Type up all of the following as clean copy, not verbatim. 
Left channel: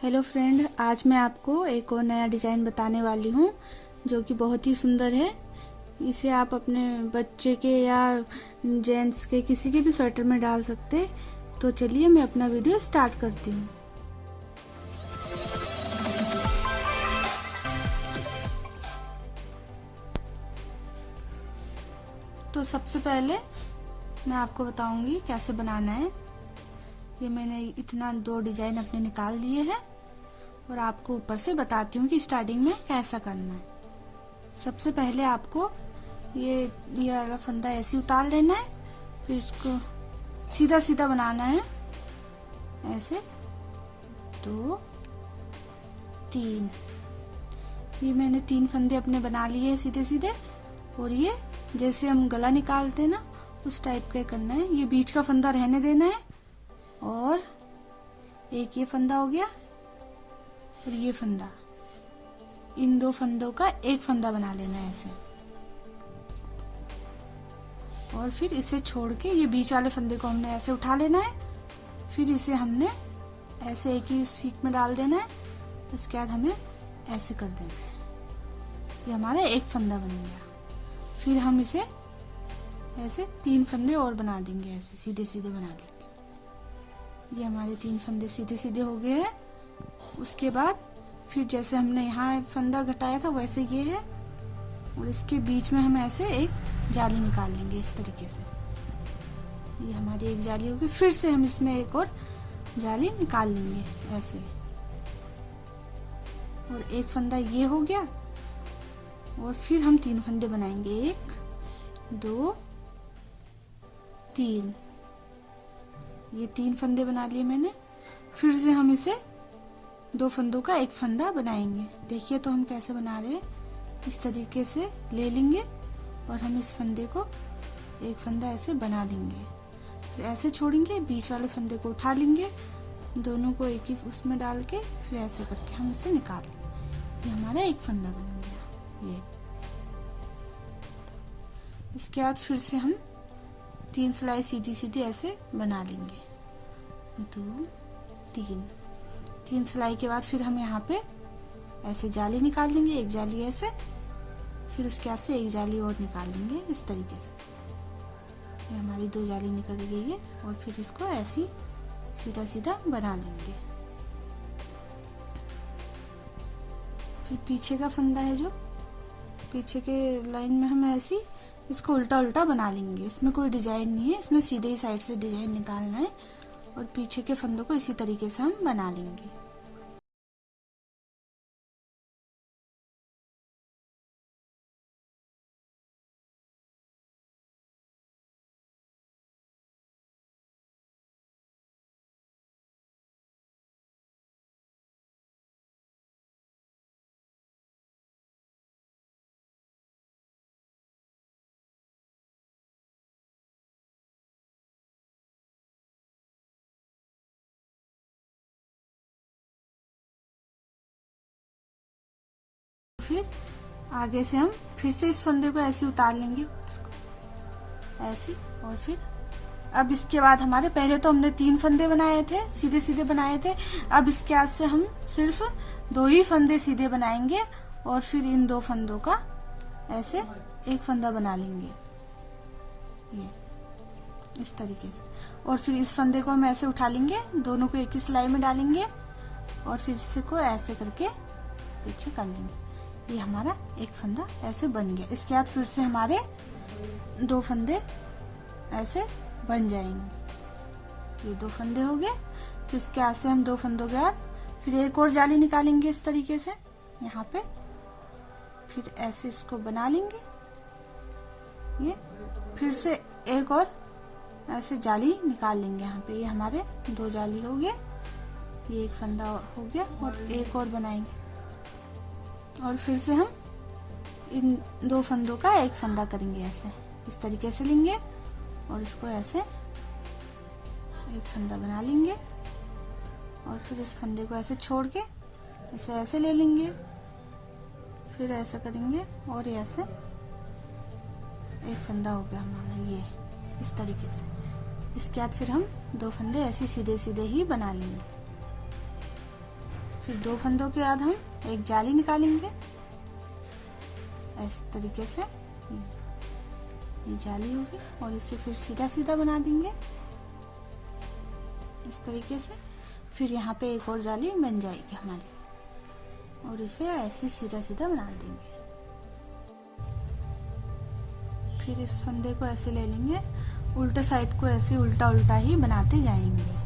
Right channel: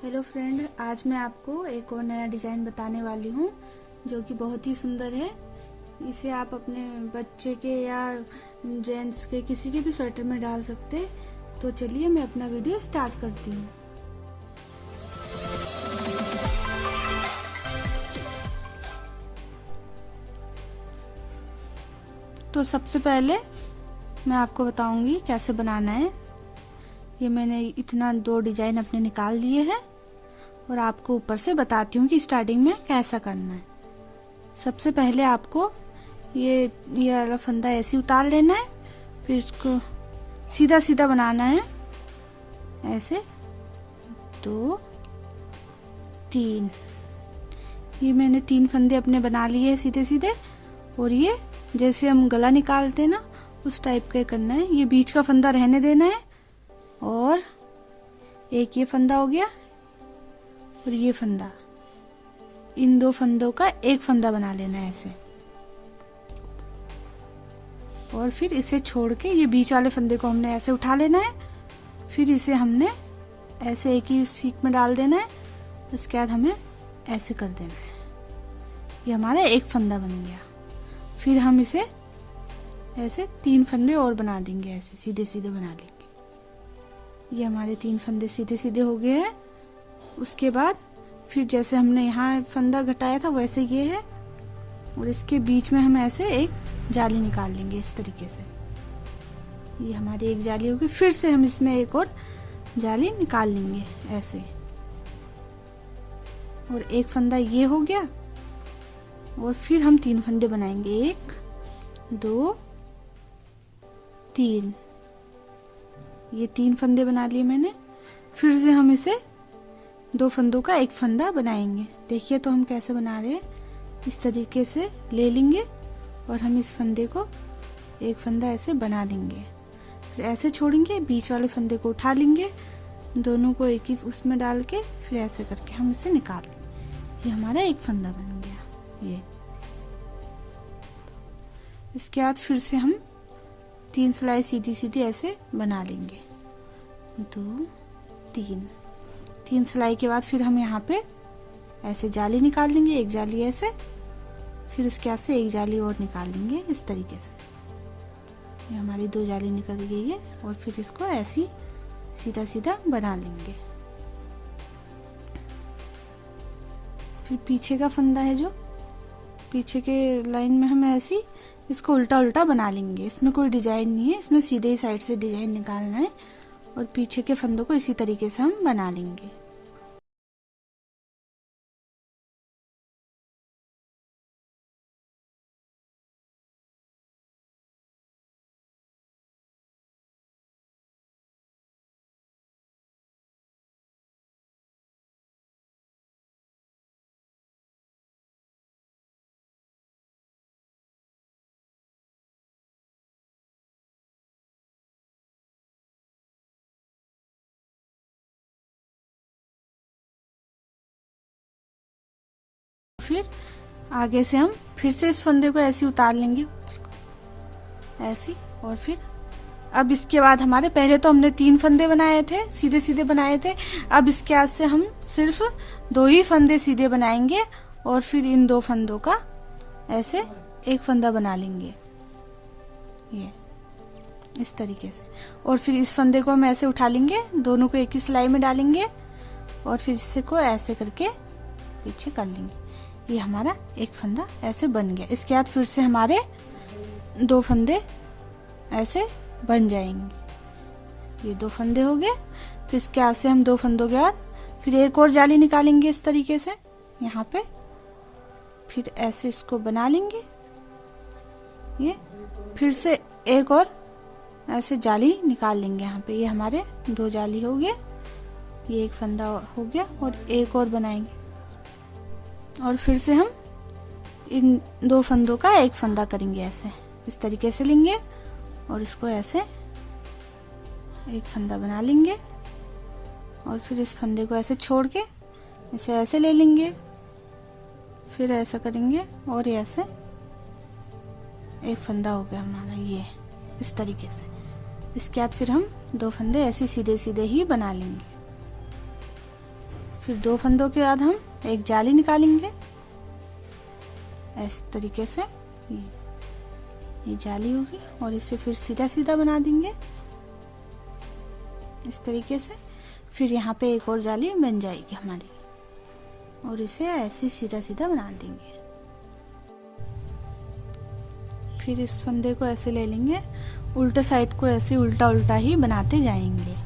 Hello friend, आज मैं आपको एक और नया डिज़ाइन बताने वाली हूँ जो कि बहुत ही सुंदर है। इसे आप अपने बच्चे के या जेंट्स के किसी के भी स्वेटर में डाल सकते हैं। तो चलिए मैं अपना वीडियो स्टार्ट करती हूँ। तो सबसे पहले मैं आपको बताऊंगी कैसे बनाना है। ये मैंने इतना 2 डिजाइन अपने निकाल लिए हैं और आपको ऊपर से बताती हूँ कि स्टार्टिंग में कैसा करना है। सबसे पहले आपको ये वाला फंदा ऐसे उतार लेना है, फिर इसको सीधा सीधा बनाना है। ऐसे 2 3, ये मैंने 3 फंदे अपने बना लिए सीधे सीधे। और ये जैसे हम गला निकालते हैं ना, उस टाइप का करना है। ये बीच का फंदा रहने देना है और एक ये फंदा हो गया और ये फंदा, इन 2 फंदों का एक फंदा बना लेना है ऐसे। और फिर इसे छोड़ के ये बीच वाले फंदे को हमने ऐसे उठा लेना है। फिर इसे हमने ऐसे एक ही सीख में डाल देना है। उसके बाद हमें ऐसे कर देना है। ये हमारा एक फंदा बन गया। फिर हम इसे ऐसे 3 फंदे और बना देंगे, ऐसे सीधे सीधे बना लेंगे। ये हमारे 3 फंदे सीधे सीधे हो गए हैं। उसके बाद फिर जैसे हमने यहाँ फंदा घटाया था वैसे ये है, और इसके बीच में हम ऐसे एक जाली निकाल लेंगे इस तरीके से। ये हमारी एक जाली होगी। फिर से हम इसमें एक और जाली निकाल लेंगे ऐसे, और एक फंदा ये हो गया। और फिर हम 3 फंदे बनाएंगे, 1 2 3। ये 3 फंदे बना लिए मैंने। फिर से हम इसे 2 फंदों का एक फंदा बनाएंगे। देखिए तो हम कैसे बना रहे हैं। इस तरीके से ले लेंगे और हम इस फंदे को एक फंदा ऐसे बना देंगे। फिर ऐसे छोड़ेंगे, बीच वाले फंदे को उठा लेंगे, दोनों को एक ही उसमें डाल के फिर ऐसे करके हम इसे निकाल लेंगे। ये हमारा एक फंदा बन गया। ये इसके बाद फिर से हम 3 सिलाई सीधी सीधी ऐसे बना लेंगे। 2 3 सिलाई के बाद फिर हम यहाँ पे ऐसे जाली निकाल लेंगे, एक जाली ऐसे। फिर उसके बाद से एक जाली और निकाल लेंगे इस तरीके से। ये हमारी 2 जाली निकल गई है। और फिर इसको ऐसे सीधा सीधा बना लेंगे। फिर पीछे का फंदा है, जो पीछे के लाइन में हम ऐसे इसको उल्टा उल्टा बना लेंगे। इसमें कोई डिजाइन नहीं है, इसमें सीधे ही साइड से डिजाइन निकालना है। और पीछे के फंदों को इसी तरीके से हम बना लेंगे। फिर आगे से हम फिर से इस फंदे को ऐसे उतार लेंगे ऐसे। और फिर अब इसके बाद हमारे पहले तो हमने 3 फंदे बनाए थे, सीधे सीधे बनाए थे। अब इसके बाद से हम सिर्फ 2 ही फंदे सीधे बनाएंगे और फिर इन 2 फंदों का ऐसे एक फंदा बना लेंगे, ये इस तरीके से। और फिर इस फंदे को हम ऐसे उठा लेंगे, दोनों को एक ही सिलाई में डालेंगे और फिर इसे को ऐसे करके पीछे कर लेंगे। ये हमारा एक फंदा ऐसे बन गया। इसके बाद फिर से हमारे 2 फंदे ऐसे बन जाएंगे। ये 2 फंदे हो गए। फिर इसके बाद से हम 2 फंदों के बाद फिर एक और जाली निकालेंगे इस तरीके से यहाँ पे। फिर ऐसे इसको बना लेंगे। ये फिर से एक और ऐसे जाली निकाल लेंगे यहाँ पे। ये हमारे 2 जाली हो गए। ये एक फंदा हो गया और एक और बनाएंगे। और फिर से हम इन 2 फंदों का एक फंदा करेंगे ऐसे, इस तरीके से लेंगे और इसको ऐसे एक फंदा बना लेंगे। और फिर इस फंदे को ऐसे छोड़ के इसे ऐसे ले लेंगे, फिर ऐसा करेंगे और ये ऐसे एक फंदा हो गया हमारा, ये इस तरीके से। इसके बाद फिर हम 2 फंदे ऐसे सीधे सीधे ही बना लेंगे। फिर 2 फंदों के बाद हम एक जाली निकालेंगे इस तरीके से। ये जाली होगी और इसे फिर सीधा सीधा बना देंगे इस तरीके से। फिर यहाँ पे एक और जाली बन जाएगी हमारी और इसे ऐसे सीधा सीधा बना देंगे। फिर इस फंदे को ऐसे ले लेंगे, उल्टा साइड को ऐसे उल्टा उल्टा ही बनाते जाएंगे।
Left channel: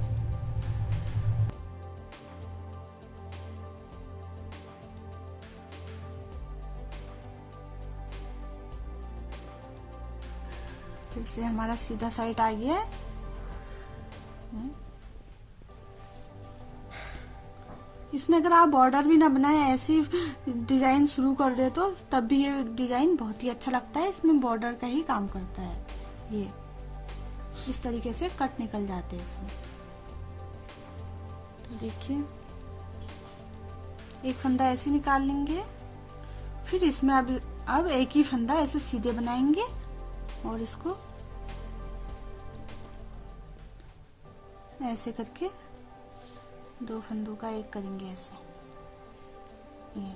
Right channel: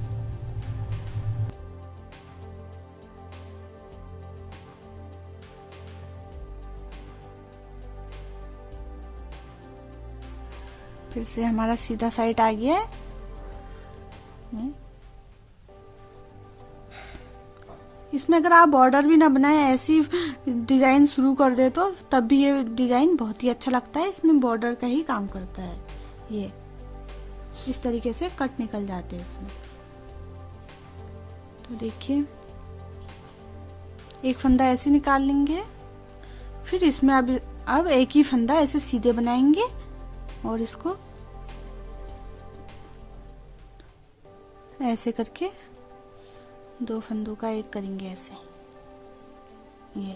फिर से हमारा सीधा साइड आ गया है। इसमें अगर आप बॉर्डर भी ना बनाए, ऐसी डिजाइन शुरू कर दे तो तब भी ये डिजाइन बहुत ही अच्छा लगता है। इसमें बॉर्डर का ही काम करता है। ये इस तरीके से कट निकल जाते हैं इसमें। तो देखिए एक फंदा ऐसे निकाल लेंगे। फिर इसमें अब एक ही फंदा ऐसे सीधे बनाएंगे और इसको ऐसे करके 2 फंदों का एक करेंगे ऐसे। ये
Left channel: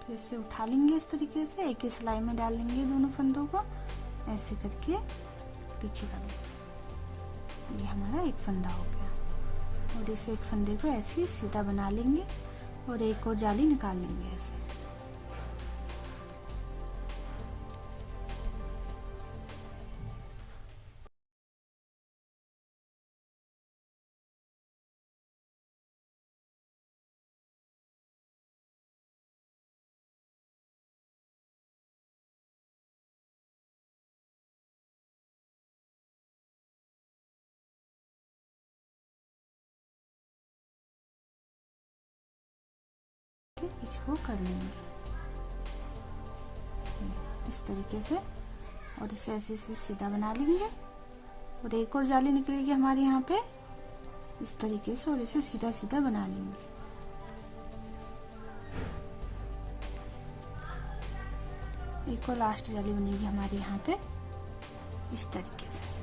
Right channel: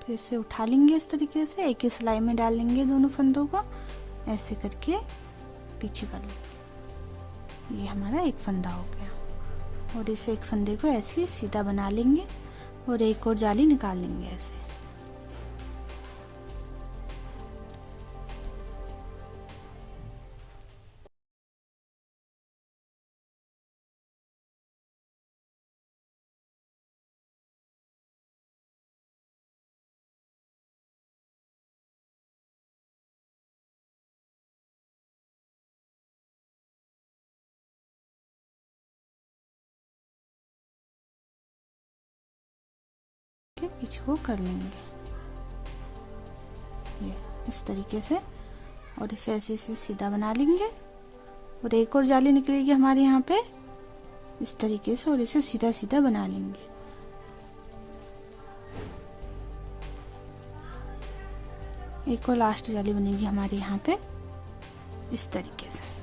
फिर से उठा लेंगे इस तरीके से, एक ही सिलाई में डाल लेंगे दोनों फंदों को ऐसे करके पीछे कर लेंगे। ये हमारा एक फंदा हो गया और इस एक फंदे को ऐसे सीधा बना लेंगे और एक और जाली निकाल लेंगे ऐसे। पीछे को कर लेंगे ये इस तरीके से और इसे ऐसे से सीधा बना लेंगे और एक और जाली निकलेगी हमारे यहाँ पे इस तरीके से और इसे सीधा सीधा बना लेंगे। एक और लास्ट जाली बनेगी हमारे यहाँ पे इस तरीके से।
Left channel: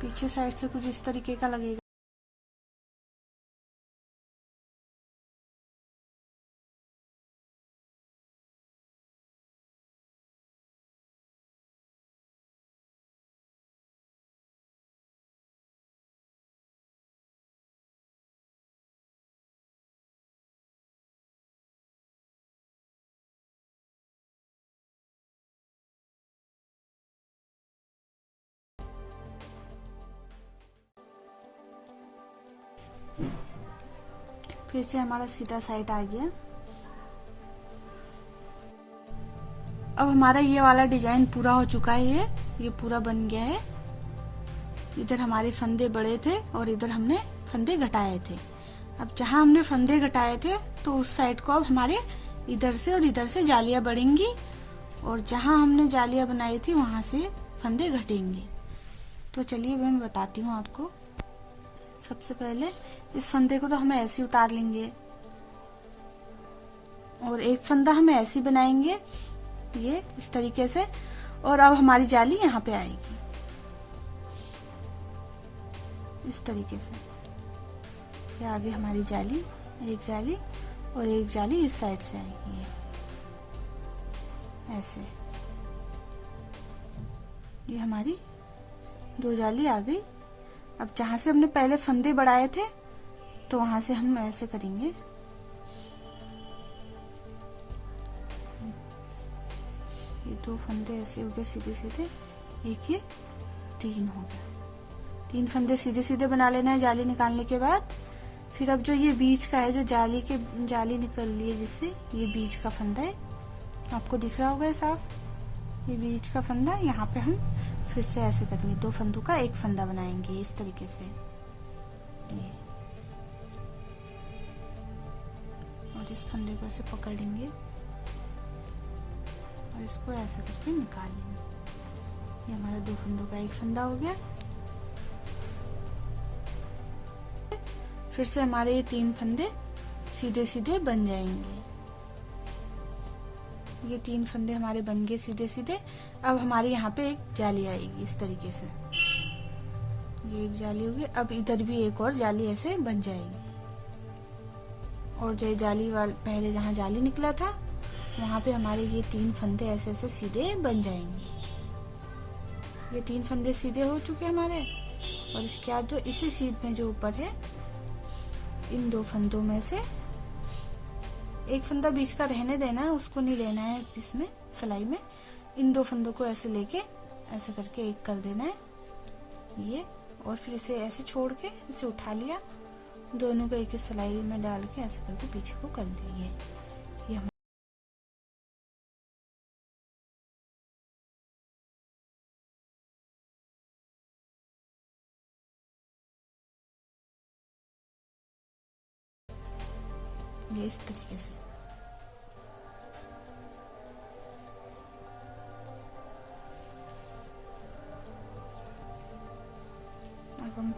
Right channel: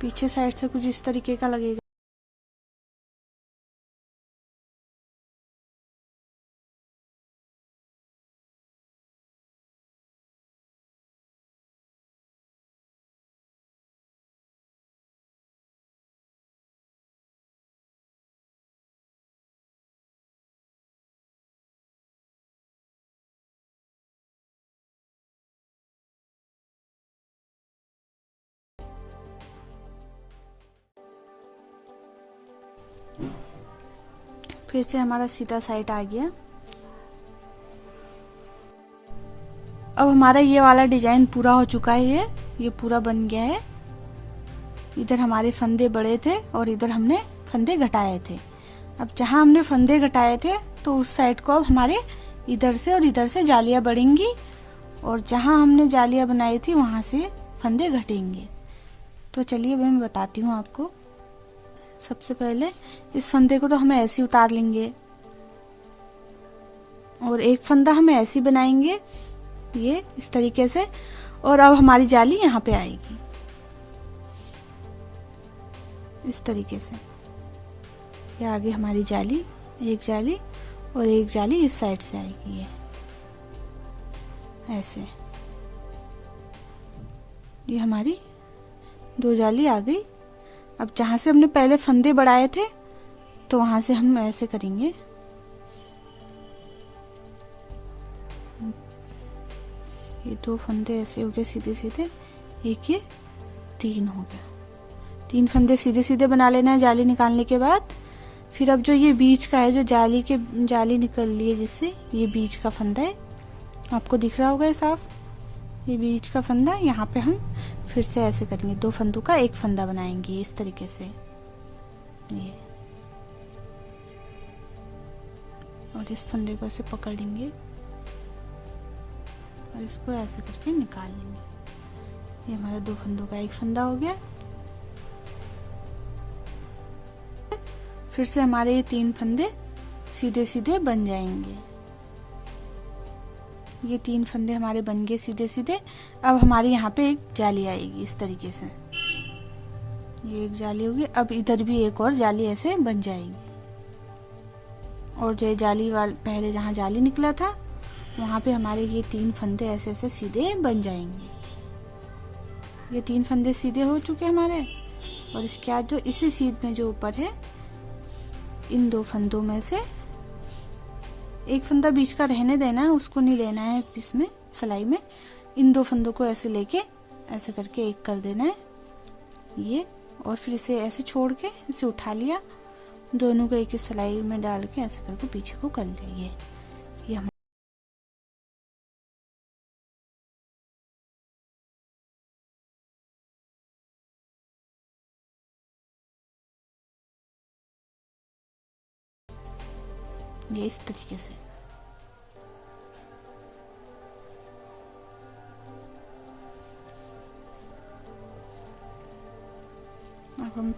पीछे साइड से कुछ इस तरीके का लगेगा। फिर से हमारा सीधा साइड आ गया। अब हमारा ये वाला डिजाइन पूरा हो चुका है। ये पूरा बन गया है। इधर हमारे फंदे बड़े थे और इधर हमने फंदे घटाए थे। अब जहां हमने फंदे घटाए थे तो उस साइड को अब हमारे इधर से और इधर से जालियां बढ़ेंगी और जहां हमने जालियां बनाई थी वहां से फंदे घटेंगे। तो चलिए मैं बताती हूँ आपको। सबसे पहले इस फंदे को तो हम ऐसे उतार लेंगे और एक फंदा हम ऐसे बनाएंगे ये इस तरीके से और अब हमारी जाली यहाँ पे आएगी इस तरीके से। ये आगे हमारी जाली, एक जाली और एक जाली इस साइड से आएगी ये ऐसे। ये हमारी 2 जाली आ गई। अब जहां से हमने पहले फंदे बढ़ाए थे तो वहां से हम ऐसे करेंगे। ये 2 फंदे ऐसे हो गए सीधे सीधे, एक ये 3 हो गए। 3 फंदे सीधे सीधे बना लेना है जाली निकालने के बाद। फिर अब जो ये बीच का है, जो जाली निकल ली है जिससे, ये बीच का फंदा है, आपको दिख रहा होगा ये साफ। ये बीच का फंदा, यहाँ पे हम फिर से ऐसे करेंगे, 2 फंदों का एक फंदा बनाएंगे इस तरीके से ये। और इस फंदे को ऐसे पकड़ेंगे और इसको ऐसे करके निकाल लेंगे। ये हमारा 2 फंदों का एक फंदा हो गया। फिर से हमारे ये 3 फंदे सीधे सीधे बन जाएंगे। ये 3 फंदे हमारे बन गए सीधे सीधे। अब हमारे यहाँ पे एक जाली आएगी इस तरीके से, ये एक जाली होगी। अब इधर भी एक और जाली ऐसे बन जाएगी, और जो जाली वाल पहले जहाँ जाली निकला था वहाँ पे हमारे ये 3 फंदे ऐसे ऐसे सीधे बन जाएंगे। ये 3 फंदे सीधे हो चुके हमारे। और इसके बाद जो इसी सीध में जो ऊपर है, इन 2 फंदों में से एक फंदा बीच का रहने देना है, उसको नहीं लेना है इसमें सिलाई में। इन 2 फंदों को ऐसे लेके ऐसे करके एक कर देना है ये, और फिर इसे ऐसे छोड़ के इसे उठा लिया, दोनों को एक ही सिलाई में डाल के ऐसे करके पीछे को कर लिया। ये हम ये इस तरीके से। अब हम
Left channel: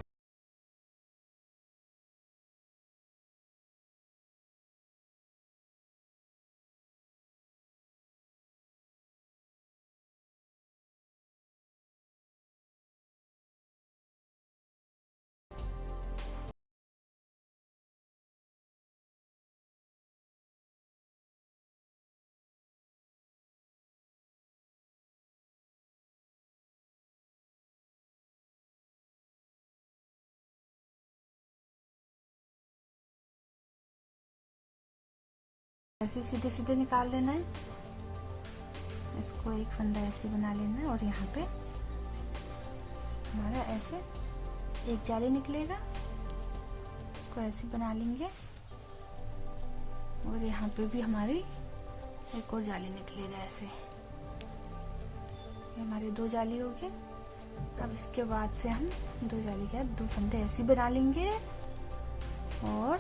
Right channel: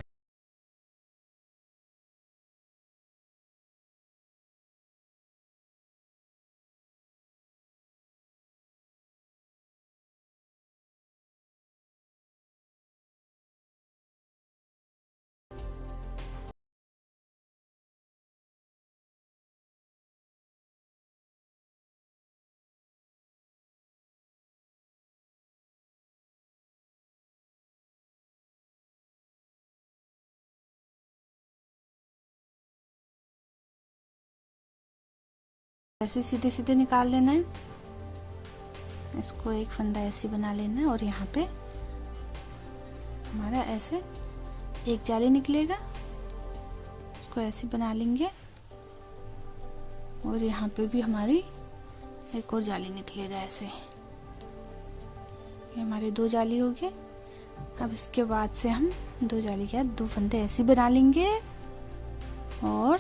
ऐसे सीधे सीधे निकाल लेना है। इसको एक फंदा ऐसे बना लेना है, और यहाँ पे हमारा ऐसे एक जाली निकलेगा, इसको ऐसे बना लेंगे, और यहाँ पे भी हमारी एक और जाली निकलेगा ऐसे। ये हमारे 2 जाली हो गए। अब इसके बाद से हम 2 जाली के बाद 2 फंदे ऐसे बना लेंगे, और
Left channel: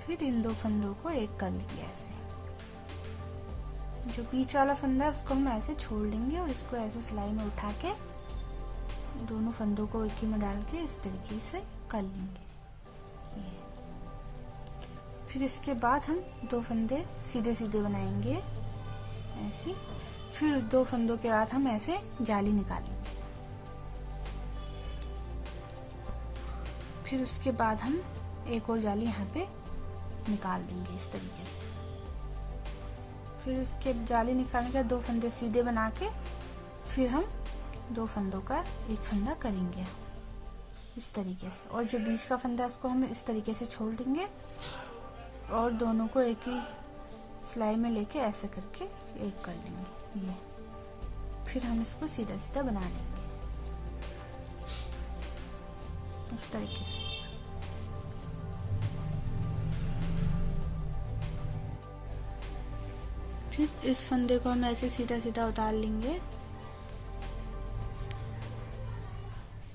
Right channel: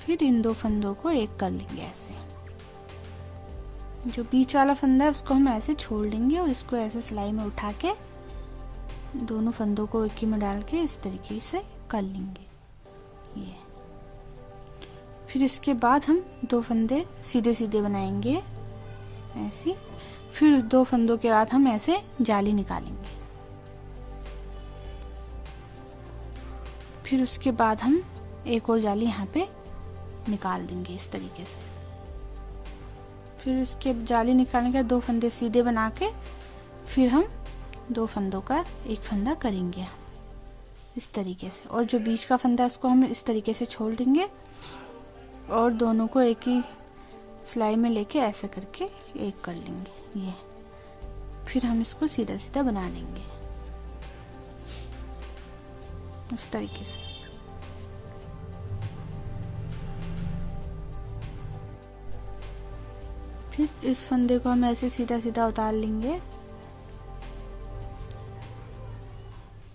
फिर इन 2 फंदों को एक कर लेंगे ऐसे। जो बीच वाला फंदा है उसको हम ऐसे छोड़ देंगे, और इसको ऐसे सिलाई में उठा के दोनों फंदों को एक ही में डाल के इस तरीके से कर लेंगे ये। फिर इसके बाद हम 2 फंदे सीधे सीधे बनाएंगे ऐसे। फिर 2 फंदों के बाद हम ऐसे जाली निकालेंगे। फिर उसके बाद हम एक और जाली यहाँ पे निकाल देंगे इस तरीके से। फिर उसके जाली निकालने के 2 फंदे सीधे बना के फिर हम 2 फंदों का एक फंदा करेंगे इस तरीके से। और जो बीच का फंदा है उसको हम इस तरीके से छोड़ देंगे, और दोनों को एक ही सिलाई में लेके ऐसे करके एक कर लेंगे ये। फिर हम इसको सीधा सीधा बना लेंगे इस तरीके से। फिर इस फंदे को हम ऐसे सीधा सीधा उतार लेंगे,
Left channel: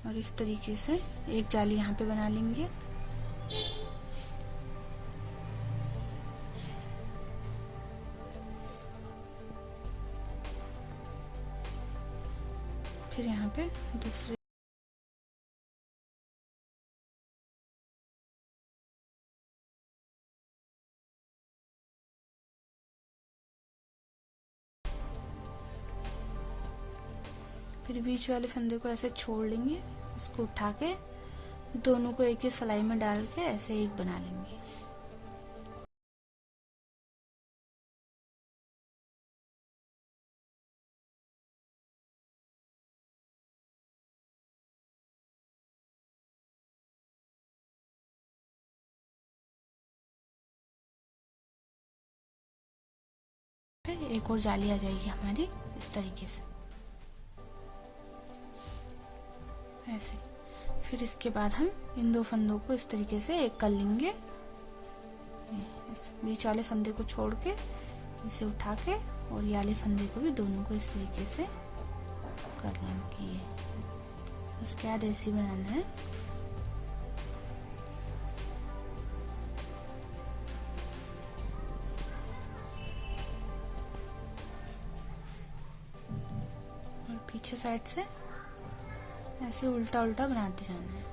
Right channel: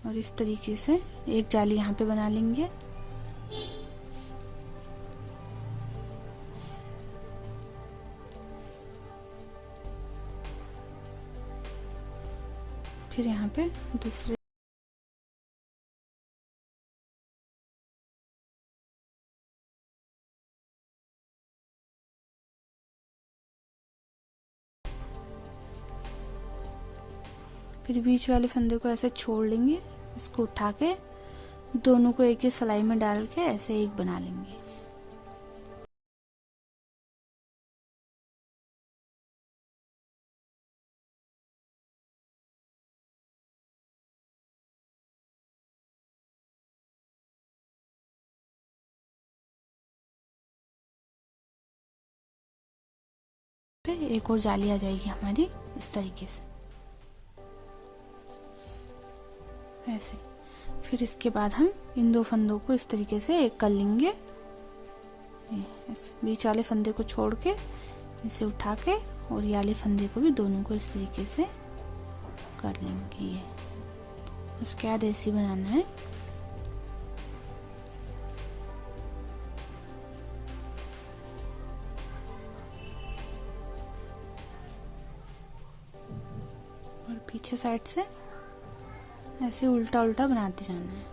और इस तरीके से एक जाली यहाँ पे बना लेंगे। फिर यहाँ पे दूसरे फिर बीच वाले फंदे को ऐसे छोड़ लेंगे, इसको उठा के दोनों को एक ही सिलाई में डाल के ऐसे एक बना लेंगे। फिर एक और जाली आ जाएगी हमारी इस तरीके से ऐसे। फिर इसके बाद हम इन 2 फंदों को इस तरीके से एक कर लेंगे, बीच वाले फंदे को छोड़ के इसे उठा के, और ये वाले फंदे को भी दोनों को इस तरीके से कर लेंगे ये। उसके बाद ऐसे बनाना है। और पीछे साइड से ऐसे उल्टा उल्टा बनाते जाना है।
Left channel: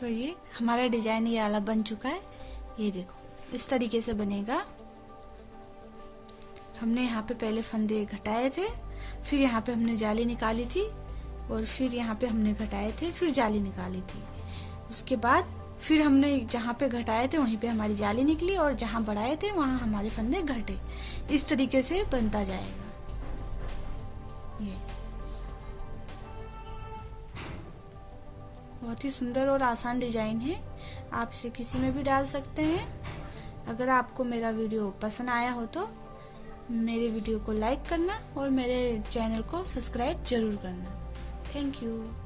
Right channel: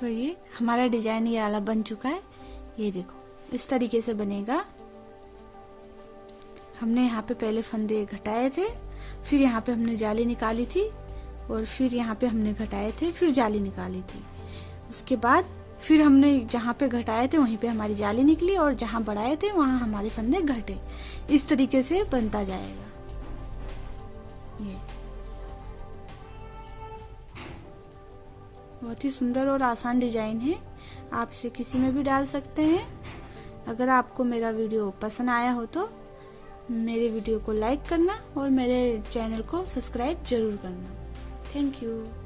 तो ये हमारा डिजाइन ये वाला बन चुका है। ये देखो इस तरीके से बनेगा। हमने यहाँ पे पहले फंदे घटाए थे, फिर यहाँ पे हमने जाली निकाली थी, और फिर यहाँ पे हमने घटाए थे, फिर जाली निकाली थी। उसके बाद फिर हमने जहाँ पे घटाए थे वहीं पे हमारी जाली निकली, और जहाँ बढ़ाए थे वहाँ हमारे फंदे घटे। इस तरीके से बनता जाएगा। ये बहुत ही सुंदर और आसान डिजाइन है। आप इसे किसी में भी डाल सकते हैं। अगर आपको मेरा वीडियो पसंद आया हो तो मेरे वीडियो को लाइक करना और मेरे चैनल को सब्सक्राइब जरूर करना। Thank you.